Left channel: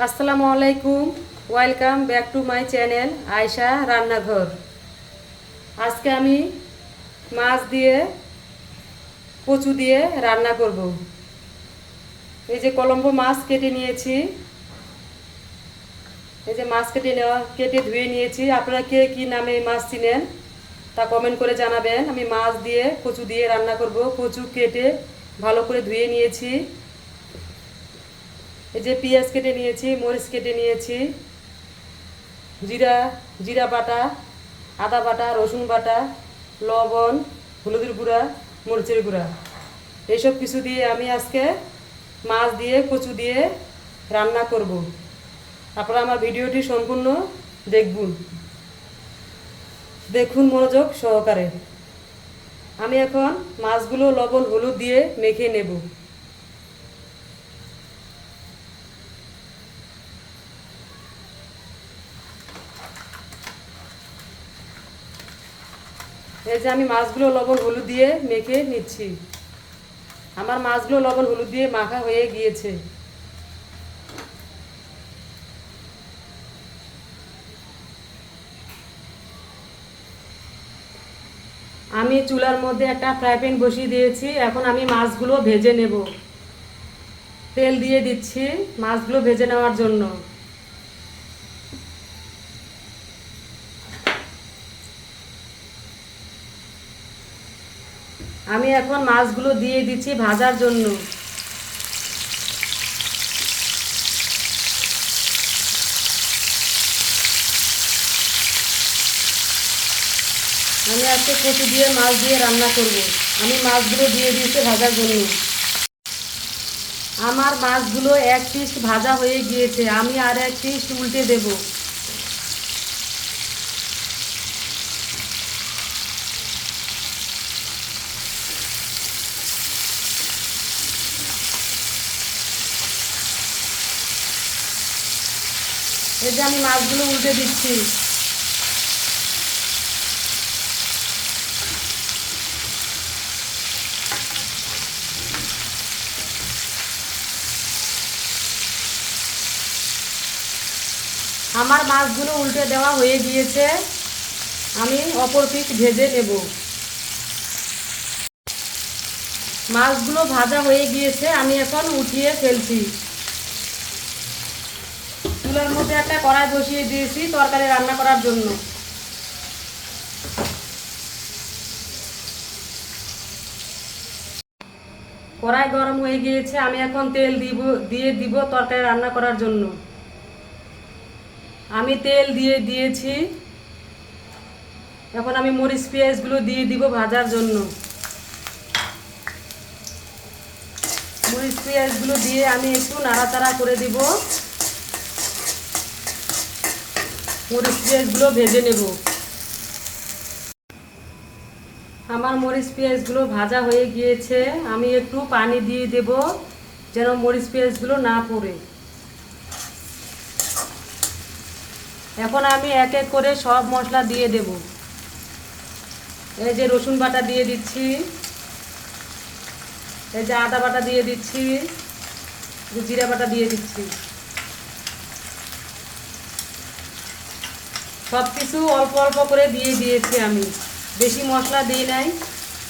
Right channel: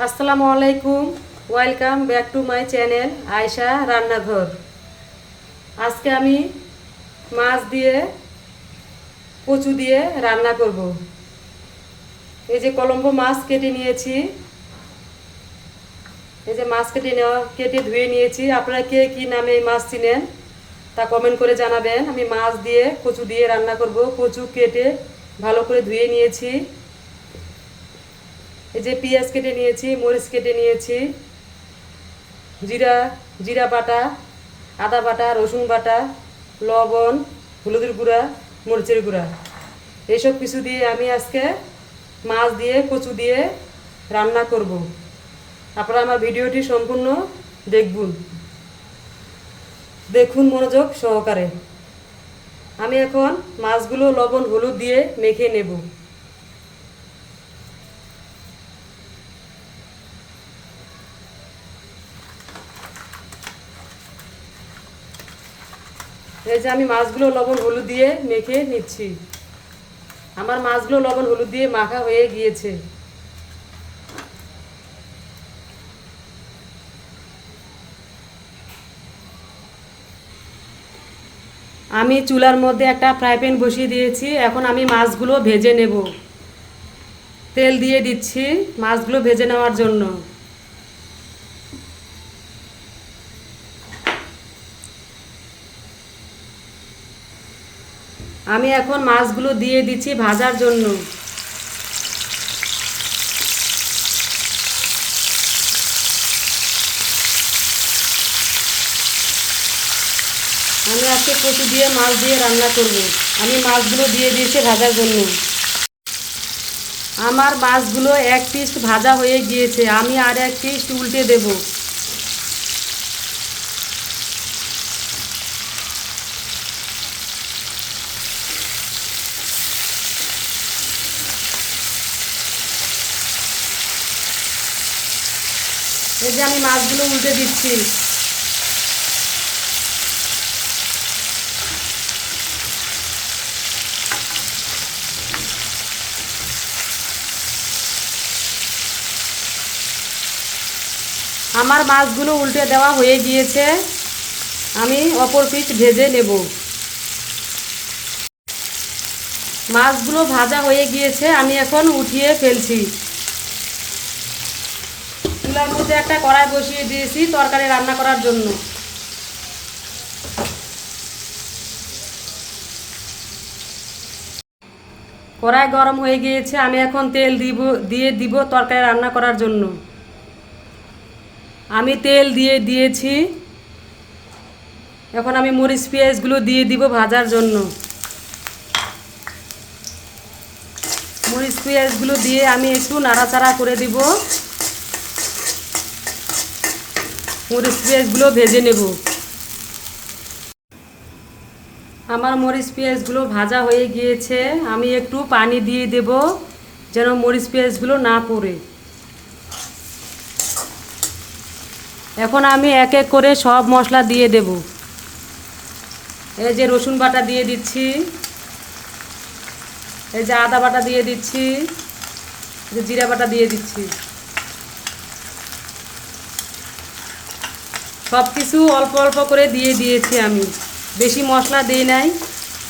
আসসালামু আলাইকুম। Welcome back to my channel Ayesha রান্নাঘর আজকে আমি মাছ দিয়ে, কচু দিয়ে রান্না করব। এই যে কলম্বো মাছ কেটে নিয়েছি। এই যে মাছ কেটে নেওয়া, কেটে ধুয়ে নিয়েছি। আপনারা কে কী নামে এই মাছ চিনেন, তা কমেন্ট করে জানাবেন। আমি মাছ দিয়ে, কচু দিয়ে রান্না করব। কচু কেটে ভালো করে ধুয়ে নিয়েছি। এই যে পেঁয়াজ কেটে নিয়েছি, মরিচ কেটে নিয়েছি, জিরা জিরা বাটা, আদা বাটা, রসুন বাটা, লবণ, হলুদের গুঁড়া, মরিচের গুঁড়া। এইসব কিছু দিয়ে আমি আজকে মাছ দিয়ে, কচু দিয়ে রান্না করব। আপনারা আমার ভিডিওটি সম্পূর্ণ দেখুন দেখুন মনোযোগ সহকারে। আমি এখন মাছগুলো লবণ, হলুদ দিয়ে মেখে নেব। এই যে আমি মাছগুলো লবণ হলুদ দিয়ে মেখে নিচ্ছি। আমার মাছগুলো লবণ হলুদ দিয়ে মাখা হয়ে গিয়েছে। আমি চুলার মধ্যে একটা ফ্রাই প্যান বসিয়ে দিয়েছি। এখন আমি মাছগুলো ভেজে নেব। তেল দিয়ে দিচ্ছি মাছগুলো ভেজে নেওয়ার জন্য। আমি এখন মাছগুলো দিয়ে দিচ্ছি ভাজার জন্য। আমি আজকে কচু দিয়ে মাছ দিয়ে রান্না করব। আমি মাছগুলো দিয়ে দিয়েছি ভাজার জন্য। আমার মাছগুলো এক পিস ভাজা হয়ে গিয়েছে। আমি আর এক পিস উল্টে দেবো। এই যে আমি মাছগুলো উল্টে দিচ্ছি। আমার মাছগুলো উল্টে দেওয়া হয়ে গিয়েছে। আমি অপর পিঠ ভেজে নেব। মাছগুলো ভাজা হয়ে গিয়েছে, আমি এখন উঠিয়ে ফেলছি। চুলার মধ্যে একটা কড়াই বসিয়ে দিয়েছি তরকারি রান্না করার জন্য। কড়াই গরম হয়ে গিয়েছে, আমি এখন তেল দিব, দিয়ে দিব তরকারি রান্না করার জন্য। আমি তেল দিয়ে দিয়েছি। এখন আমি মরিচ পেঁয়াজগুলো দিয়ে দিব ভাজার জন্য। মরিচ পেঁয়াজগুলো দিয়ে আমি একটু নাড়াচাড়া করে দিব। মরিচ পেঁয়াজগুলো ভেজে নেব। আমার মরিচ পেঁয়াজগুলো ভাজা হয়ে গিয়েছে। আমি একটু পানি দিয়ে দেব যেন মরিচ পেঁয়াজগুলো না পড়ে। এখন আমি এক এক করে সব মশলা দিয়ে দেব। এই যে রসুন বাটা দিয়ে দিচ্ছি। এই যে আদা বাটা দিয়ে দিচ্ছি। জিরা বাটা দিয়ে দিচ্ছি। সব কিছু অল্প অল্প করে দিয়ে দিয়েছি আমি। বেশি মশলা দিই নাই,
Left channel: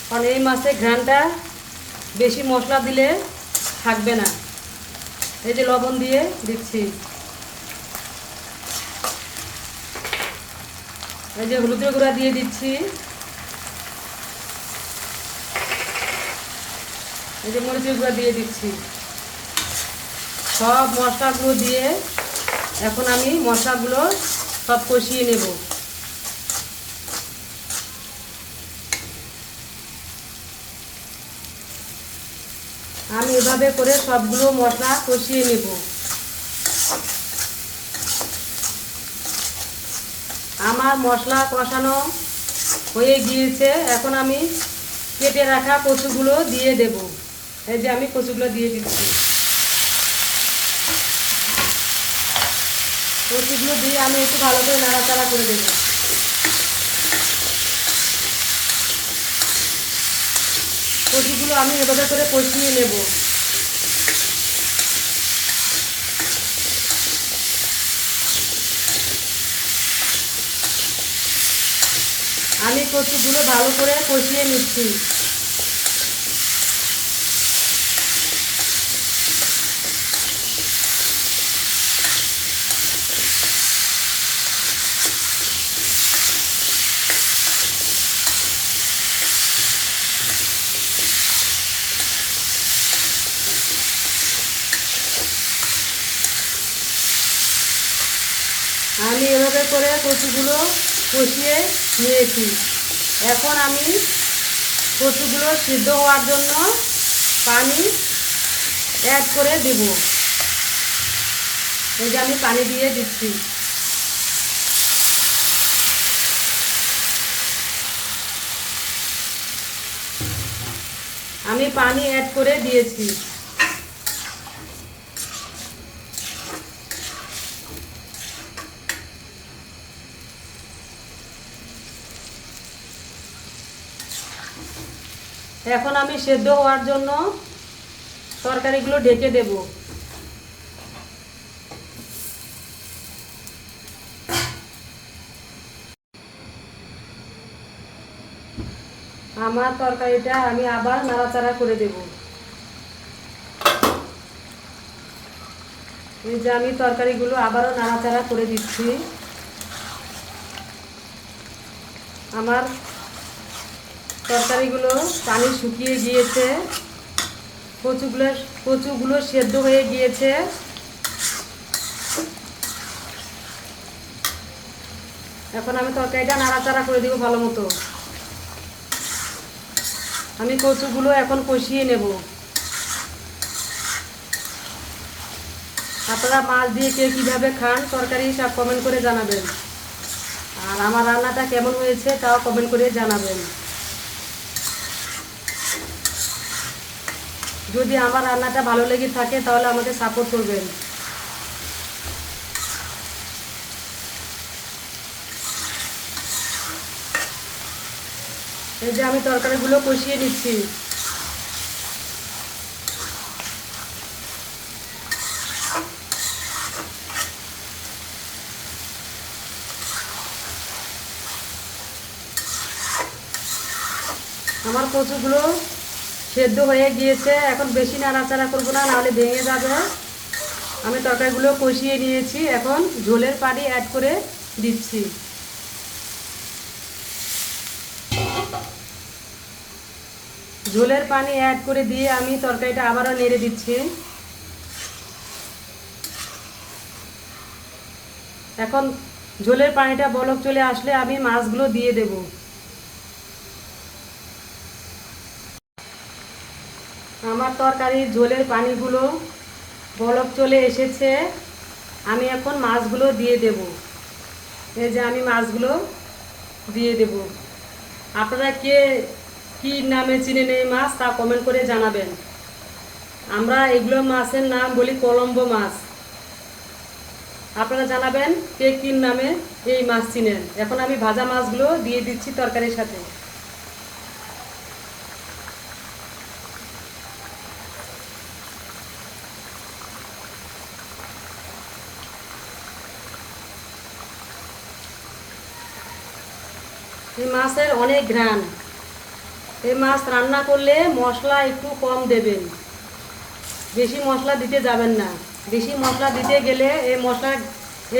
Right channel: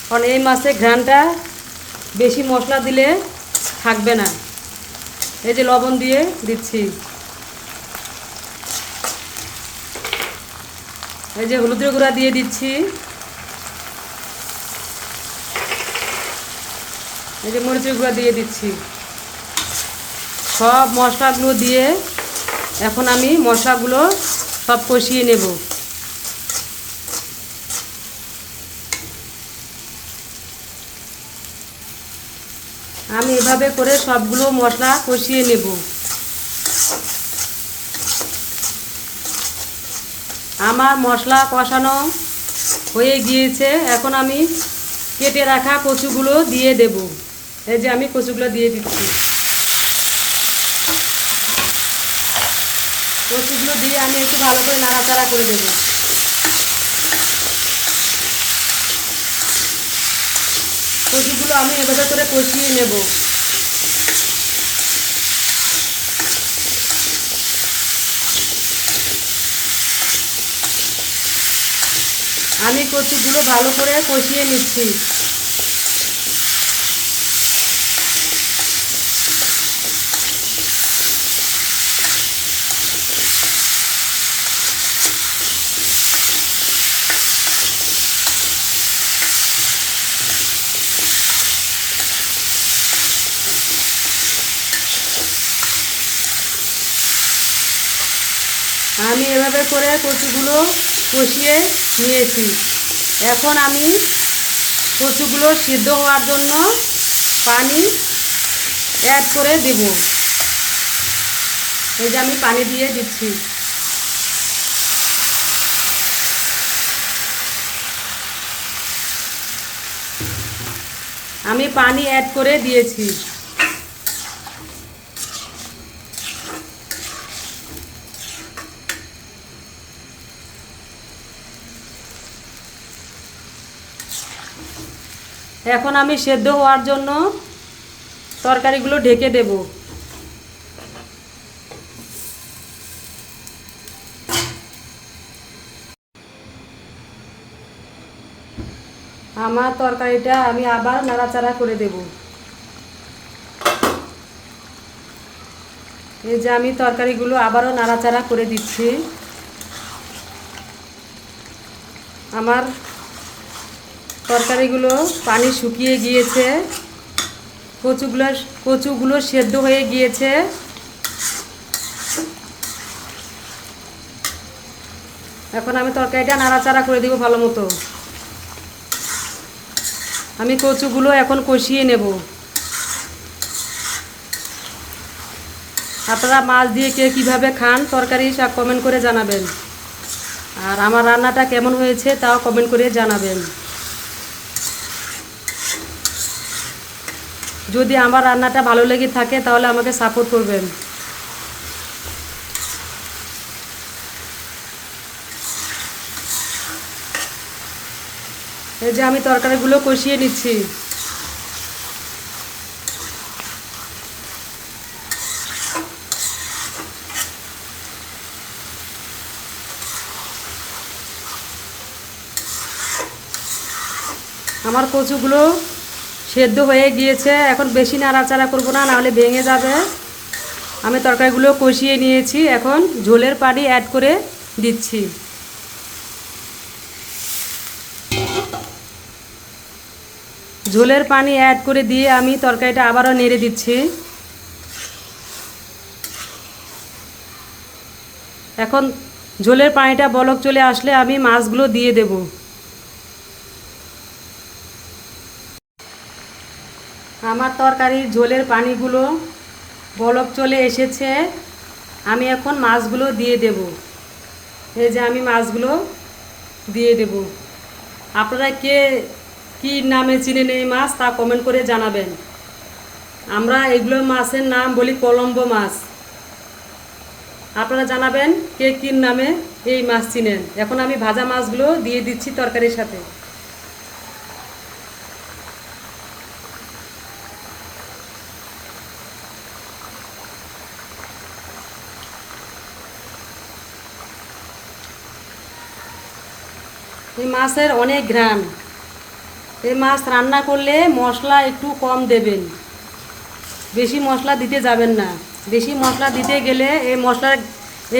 কারণ এই মাছে ঘ্রানটা বেশি মশলা দিলে থাকবে না। এই যে লবণ দিয়ে দিচ্ছি। এই যে হলুদের গুঁড়া দিয়ে দিচ্ছি। এই যে মরিচের গুঁড়া দিয়ে দিচ্ছি। সব মশলাগুলো দিয়ে এখন আমি মশলাগুলো সব কষিয়ে নেব। আমি এভাবে করে সবগুলো মশলা কষিয়ে নেব। আমার মশলা কষানো হয়ে গিয়েছে। এখন আমি কেটে রাখা কচুগুলো দিয়ে দেব। এই যে আমি কচুগুলো দিয়ে দিচ্ছি। রসুনগুলো দিয়ে আমি একটু ভালো করে নাড়াচাড়া করে দেবো। কষিগুলো আমি এভাবে করে কষিয়ে নেব। আমি কচুগুলো ভালো করে কষিয়ে নিচ্ছি। এভাবে করে কচুগুলো কষিয়ে নিয়েছি। এখন আমি কচুগুলো সিদ্ধ হওয়ার জন্য পানি অ্যাড করে দেব। এই যে আমি পানি দিয়ে দিচ্ছি। আমি পানি অ্যাড করে দিয়েছি। এখন আমি সেদ্ধ হওয়ার জন্য তরকারিগুলো ঢেকে দেব। আমার তরকারিটা আমি আবার নাড়াচাড়া করে দেব। এই যে আমি তরকারিগুলো আবারও নাড়াচাড়া করে দিচ্ছি। আমার তরকারিগুলো পানি শুকিয়ে গিয়েছে। কচুগুলো কচুগুলো সেদ্ধ হয়ে গিয়েছে। এখন আমি তরকারিটা নাড়াচাড়া করে দিব ভালো মতো। আমি কচুগুলো এখন কষিয়ে নেব। আপনারা মাছ দিয়ে কে কীভাবে খান তরকারি সব কমেন্ট করে জানাবেন। আর আমার রান্নাটা কেমন হয়েছে তাও কমেন্ট করে জানাবেন। যদি আমার রান্নাটা ভালো লেগে থাকে, তাহলে আমাকে সাপোর্ট করবেন। এই যে আমি তরকারিগুলো কষিয়ে নিচ্ছি। আমার কচুগুলো সেদ্ধ হয়ে গিয়েছে। এখন বেশি নাড়াচাড়া করব না, নাহলে ভেঙে যাবে। আমি তরকারিগুলো কষিয়ে নিয়েছি। এখন ঝোলের পানি অ্যাড করে দিচ্ছি। ঝোলের পানি অ্যাড করে দিয়ে আমি তরকারিটা আবারও নেড়ে দিচ্ছি। এখন ঝোলের পানিটা বলক চলে আসলে আমি মাছগুলো দিয়ে দেবো। আমার তরকারির ঝোলের পানিগুলো বলক চলে এসেছে। আমি এখন মাছগুলো দিয়ে দেব। এই যে আমি মাছগুলো দিয়ে দেব। আপনারা কে, কী নামে চিনেন এই মাছ তা কমেন্ট করে জানাবেন। আমরা এগুলো মাছের নাম বলি কলম্বো মাছ। আপনারা জানাবেন কে কী নামে এই মাছ চিনেন। এখন আমি ভাজা মাছগুলো দিয়ে দিচ্ছি তরকারির সাথে। মাছের অনেক ঘ্রাণ। এই মাছ রান্না করলে মশলা একটু কম দেবেন। বেশি মশলা দিতে যাবেন না। বেশি মশলা দিতে গেলে এই মশলা,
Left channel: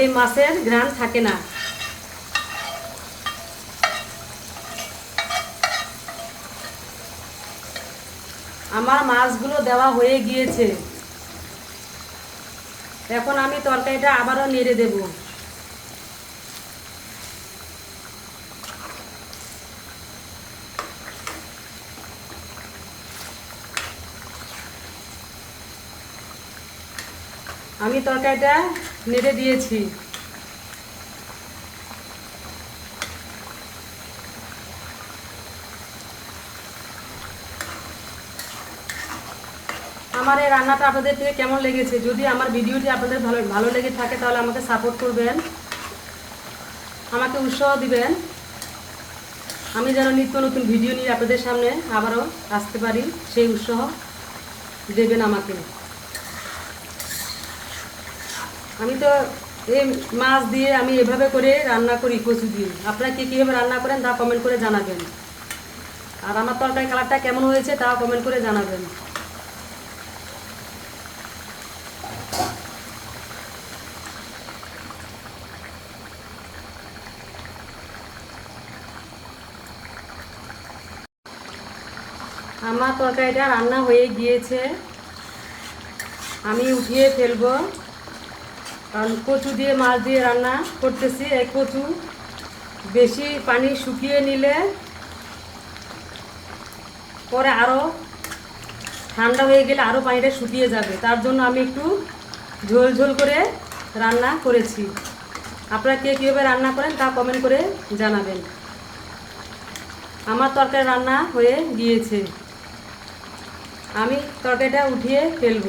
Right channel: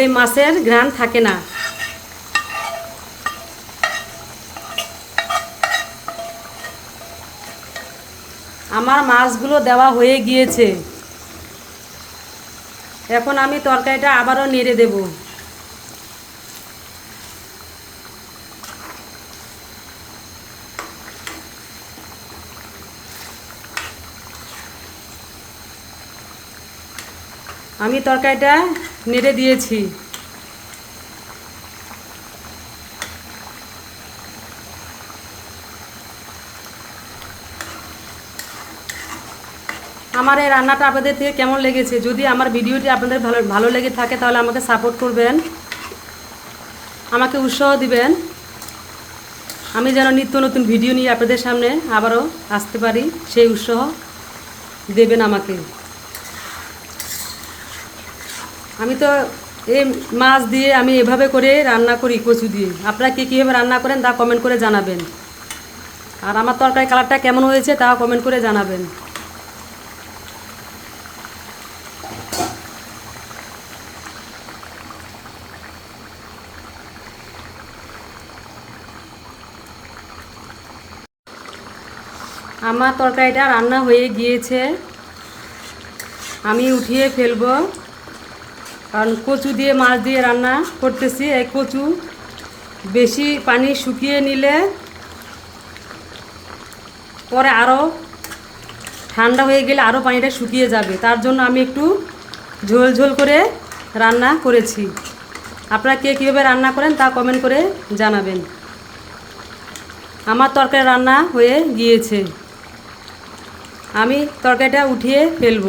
এই মাছের ঘ্রাণ থাকে না। আমার মাছগুলো দেওয়া হয়ে গিয়েছে। এখন আমি তরকারিটা আবারও নেড়ে দেবো। আমি তরকারিটা নেড়ে দিয়েছি। আমার এই রান্নাটা আপনাদের থেকে কেমন লেগেছে? যদি আমার ভিডিওটি আপনাদের ভালো ভালো লেগে থাকে, তাহলে আমাকে সাপোর্ট করবেন। আমাকে উৎসাহ দিবেন। আমি যেন নিত্য নতুন ভিডিও নিয়ে আপনাদের সামনে আবারও আসতে পারি। সেই উৎসাহ দেবেন আমাকে। আমি তো এই মাছ দিয়ে আমি এভাবে করে রান্না করি কচু দিয়ে। আপনারা কী কীভাবে রান্না করেন তা কমেন্ট করে জানাবেন। আর আমার তরকারি কালারটা কেমন হয়েছে তা কমেন্ট করে জানাবেন। আমার তরকারিটা রান্না হয়ে গিয়েছে। আমি উঠিয়ে ফেলব। কারণ কচু দিয়ে মাছ দিয়ে রান্না করতেছি। এই কচু বেশি পানি শুকিয়ে নিলে পরে আরও ঠান্ডা হয়ে গেলে আরও পানিটা শুকিয়ে যাবে। তার জন্য আমি একটু ঝোল ঝোল করে রান্না করেছি। আপনারা কে কীভাবে রান্না করেন তা কমেন্ট করে জানাবেন। আমার তরকারি রান্না হয়ে গিয়েছে। আমি তরকারিটা উঠিয়ে ফেলব।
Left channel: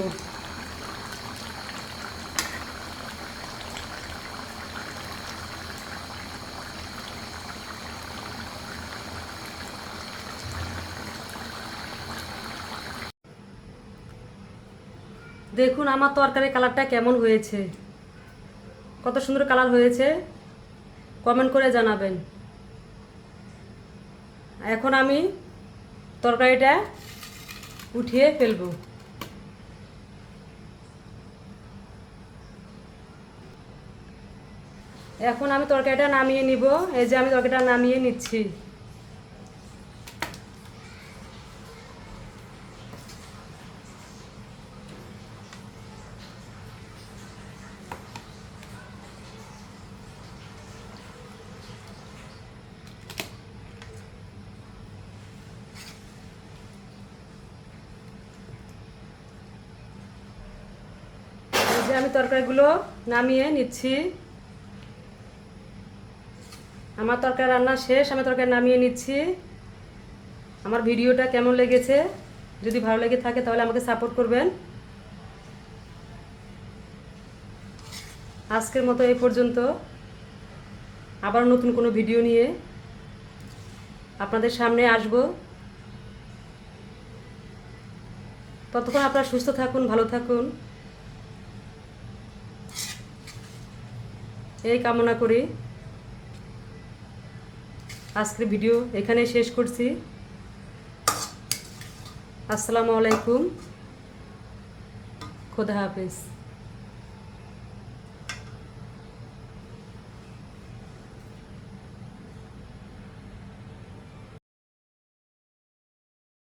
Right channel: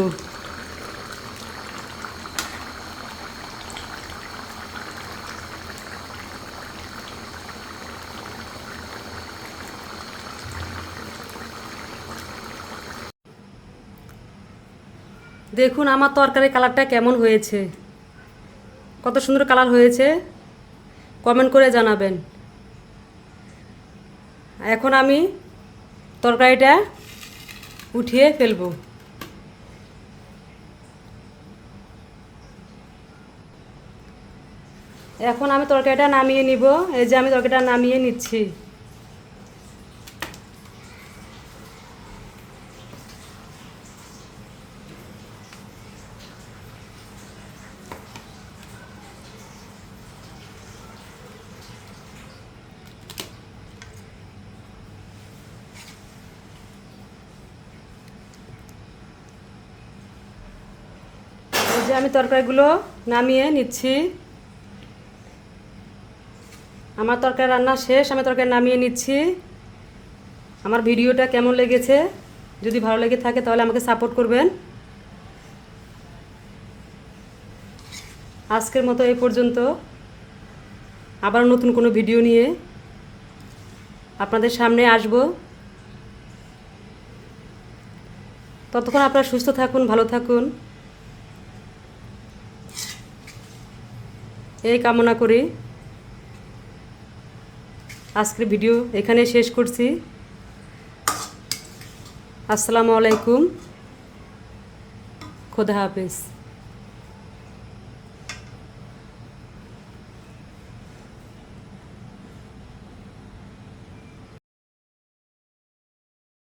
দেখুন আমার তরকারি কালারটা কেমন হয়েছে। কত সুন্দর কালার হয়েছে। কমেন্ট করে জানাবেন। এখন আমি তরকারিটা উঠিয়ে ফেলব। এখন আমি তরকারিটা নামিয়ে নিব। এই যে আমি তরকারিটা নামিয়ে নিচ্ছি। আমি তরকারিগুলো নামিয়ে নিচ্ছি। আমার তরকারি রান্না শেষ, আমি তরকারি নামিয়ে নিচ্ছি। আমার ভিডিওটা কেমন লেগেছে? যদি ভালো লেগে থাকে তাহলে আমাকে সাপোর্ট করবেন। আজকের মতো এই পর্যন্ত। আবার নতুন কোনো ভিডিও নিয়ে আপনাদের সামনে আসব। ততক্ষণ আপনারা সুস্থ থাকুন, ভালো থাকুন। এই কামনা করে। আজকের ভিডিও এখানে শেষ করছি। আসসালামু আলাইকুম। খোদা হাফেজ।